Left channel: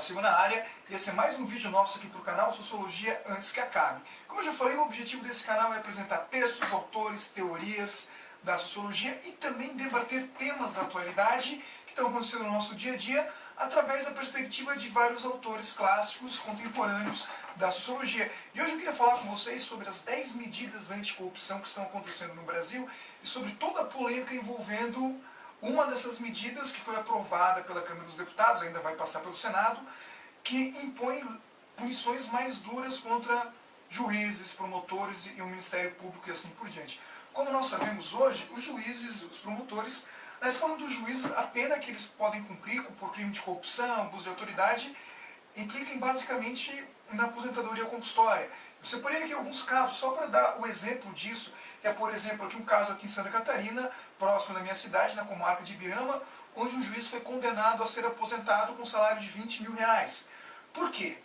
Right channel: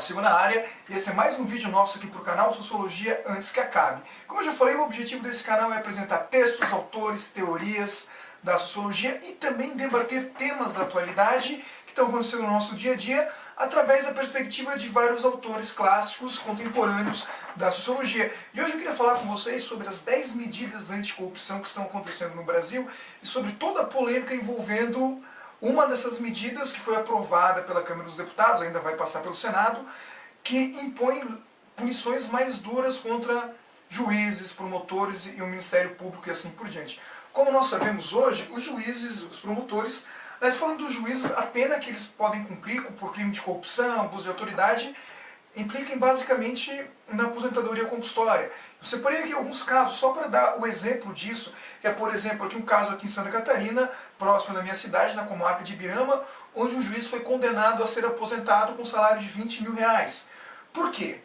Gustavo Silva na área e esse é mais um vídeo nosso aqui para o canal Sociologia Antes que Acabe. Como eu já falei, o objetivo desse canal é apresentar textos, autores, teorias da sociologia e também debater temas da atualidade que estão acontecendo no nosso dia a dia através da perspectiva de vários autores clássicos contemporâneos da sociologia. E hoje eu queria falar com vocês sobre as 10 medidas anticorrupção que estão acontecendo no Brasil e sobre toda a polêmica envolvendo uma dessas medidas que foi aprovada pela Câmara dos Deputados, ainda vai passar pelo Senado, que impõe punições mais duras contra juízes, promotores e o Ministério Público e assim por diante. Como nós sabemos hoje, os juízes, os promotores, nós falamos dos juízes, a pena que eles podem cumprir por crime de corrupção, abuso de autoridade, impliquem basicamente na aposentadoria compulsória. Eu separei aqui alguns casos, só para dar o exemplo disso, que é, por exemplo, aqui um caso aqui em Santa Catarina, próximo da minha cidade, na comarca de Ibirama, onde um juiz foi condenado a ser aposentado com um salário de 20 mil reais. Por quê?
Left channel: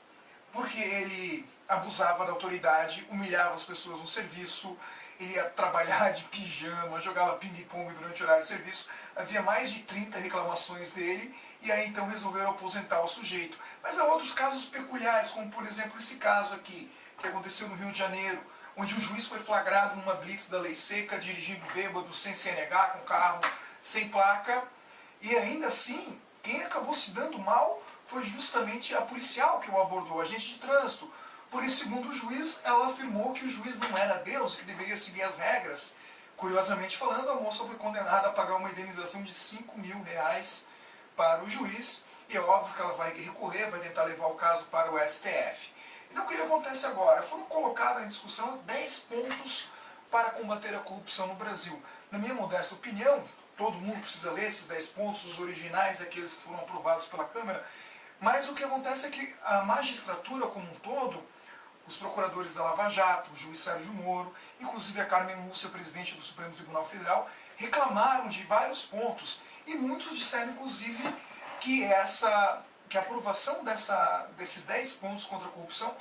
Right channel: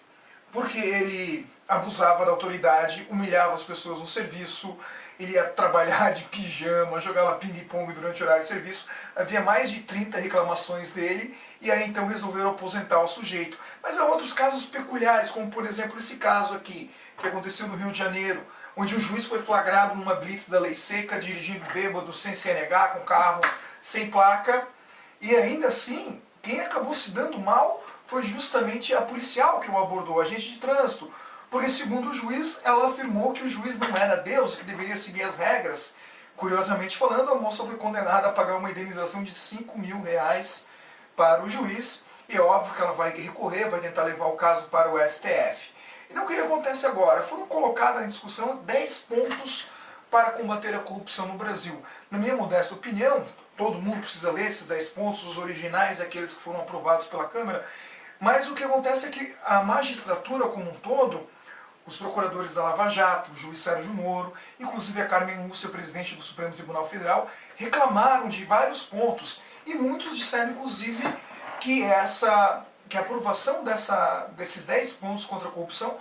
Porque ele abusava da autoridade, humilhava as pessoas no serviço, ele ia trabalhar de pijama, jogava ping-pong durante o horário de serviço. Havia mais de 30 reclamações dele e aí então resolveram aposentar o sujeito. Mas há outros casos peculiares, como por exemplo esse caso aqui, que aconteceu no Rio de Janeiro, onde um juiz foi flagrado numa blitz da lei seca, dirigindo bêbado, sem CNH, com carro sem placa. E ainda assim, quem acabou se dando mal foi justamente a policial que o abordou, a agente de trânsito. Porque, segundo o juiz, ela afirmou que o juiz não era Deus e que deveria seguir as regras. Curiosamente falando, a moça foi condenada a pagar uma indenização de 5 mil reais para o juiz. E é óbvio que ela vai recorrer, vai tentar levar o caso para o STF. Então, o que acontece agora? Foram colocados em discussão 10 pontos para combater a corrupção no Brasil. Na minha modesta opinião, todo mundo precisa ler esses 10 pontos, os originais, aqueles que foram aprovados pela Câmara. Mas o que acontece é que a magistratura como um todo, os procuradores da Lava Jato, o juiz Sérgio Moro, inclusive a Carmen Lúcia, presidente do Supremo Tribunal Federal, reclamaram de vários pontos. E muitos disseram, inclusive, que a aprovação desses 10 pontos contra a corrupção,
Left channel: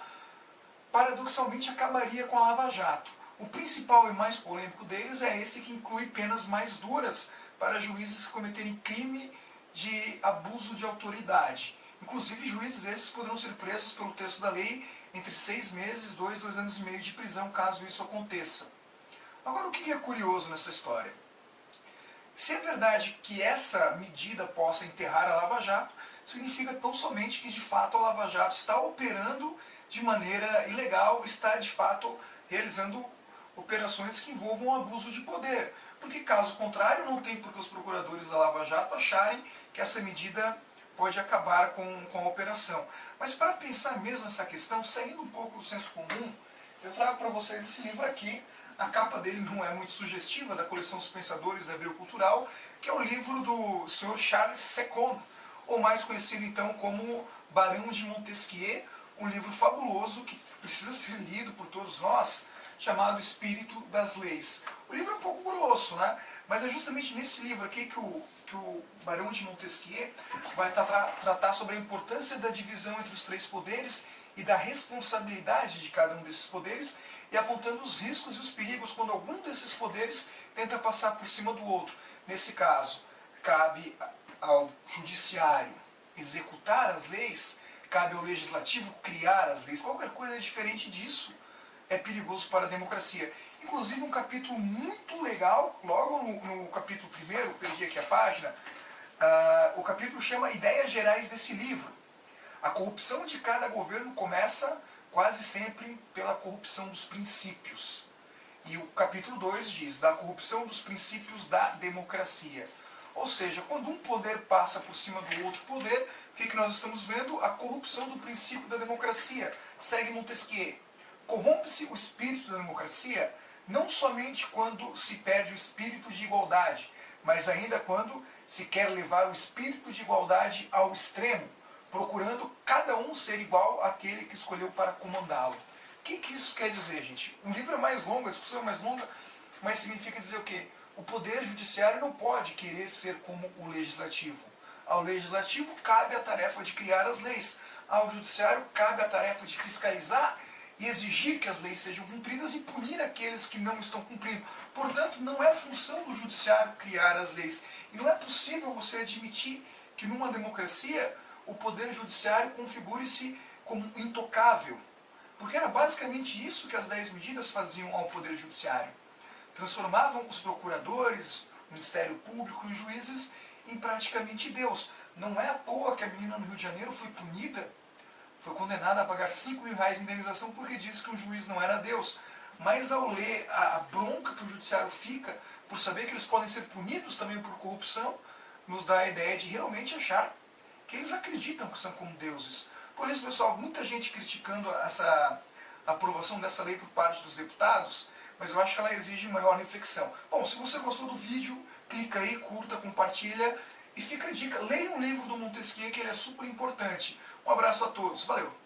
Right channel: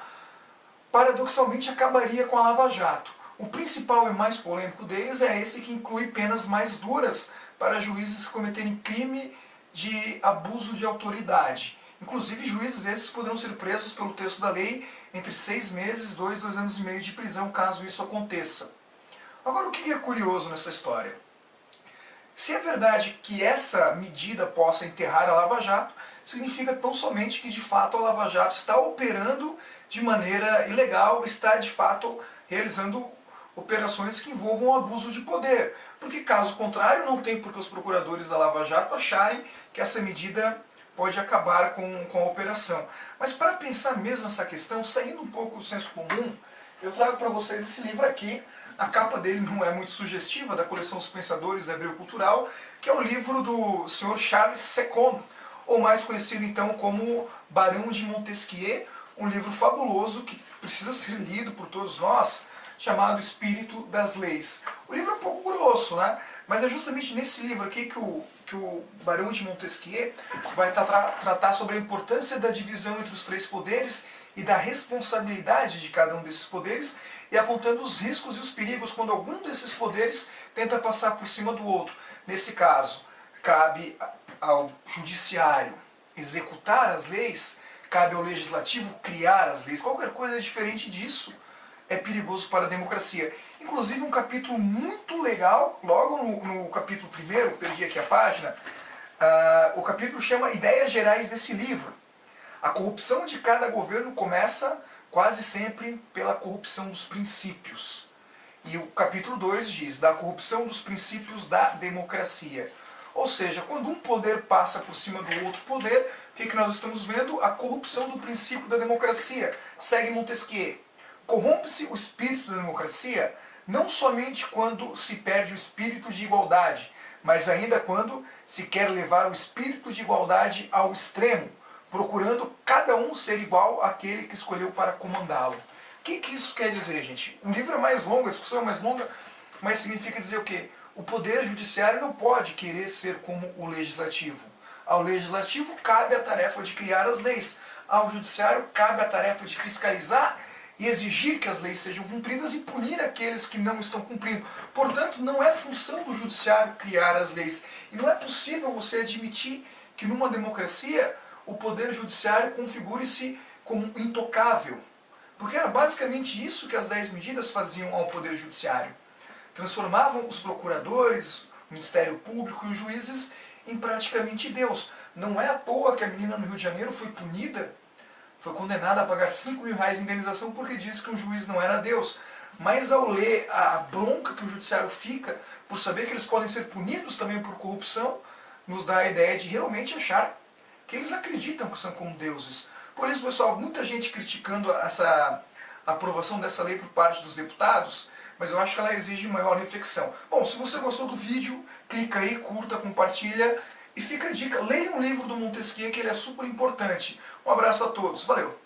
paradoxalmente, acabaria com a Lava Jato. O principal e mais polêmico deles é esse que inclui penas mais duras para juízes que cometerem crime de abuso de autoridade. Inclusive, juízes esses poderão ser presos pelo texto da lei entre 6 meses, 2 anos e meio de prisão, caso isso aconteça. Agora, o que é curioso nessa história? Se é verdade que essa medida possa enterrar a Lava Jato, significa tão somente que, de fato, a Lava Jato está operando de maneira ilegal, está, de fato, realizando operações que envolvam abuso de poder. Porque, caso contrário, não tem por que os procuradores da Lava Jato acharem que essa medida pode acabar com a operação. Mas para pensar mesmo nessa questão, saindo um pouco do senso comum, eu trago para vocês esse livro aqui. A capa dele não é muito sugestiva, da coleção Os Pensadores da Abril Cultural, que é o livro do Sr. Charles II, ou mais conhecido então como Barão de Montesquieu, um livro fabuloso que precisa ser lido por todos nós, chamado Espírito das Leis. O livro é um pouco grosso, né? Mas é justamente nesse livro aqui que o Barão de Montesquieu vai tratar sobre a importância da divisão entre os 3 poderes e da responsabilidade de cada um desses poderes, e apontando os riscos e os perigos quando algum desses poderes tenta passar por cima do outro. Nesse caso, cabe ao judiciário executar as leis, cabe ao legislativo criar as leis. Qualquer coisa diferente disso é perigoso para a democracia. Inclusive um capítulo muito legal, logo no capítulo 1º, perdi aqui a página, o capítulo chama Ideias Gerais desse livro. A corrupção de cada governo começa quase sempre pela corrupção dos princípios. E o capítulo 2 diz da corrupção dos princípios da democracia. Ou seja, quando um poder passa por cima do outro poder, o que nós estamos vendo? A corrupção do princípio da democracia. Segue Montesquieu. Corrompe-se o espírito da democracia não somente quando se perde o espírito de igualdade, mas ainda quando se quer levar o espírito de igualdade ao extremo, procurando cada um ser igual àquele que escolheu para comandá-lo. O que isso quer dizer, gente? O livro é mais longo, a discussão é mais longa, mas significa dizer o quê? O poder judiciário não pode querer ser como o legislativo. Ao legislativo cabe a tarefa de criar as leis. Ao judiciário cabe a tarefa de fiscalizar e exigir que as leis sejam cumpridas e punir aqueles que não estão cumprindo. Portanto, não é função do judiciário criar as leis. E não é possível você admitir que numa democracia o poder judiciário configure-se como intocável. Porque era basicamente isso que as 10 medidas faziam ao poder judiciário. Transformavam os procuradores, o Ministério Público e os juízes em praticamente Deus. Não é à toa que a menina no Rio de Janeiro foi punida, foi condenada a pagar 5 mil reais de indenização porque disse que um juiz não era Deus. Mas ao ler a bronca que o judiciário fica por saber que eles podem ser punidos também por corrupção, nos dá a ideia de realmente achar que eles acreditam que são como deuses. Por isso, pessoal, muita gente criticando essa aprovação dessa lei por parte dos deputados, mas eu acho que ela exige maior reflexão. Bom, se você gostou do vídeo, clica aí, curta, compartilha e fica a dica, leia um livro do Montesquieu que ele é super importante. Um abraço a todos, valeu!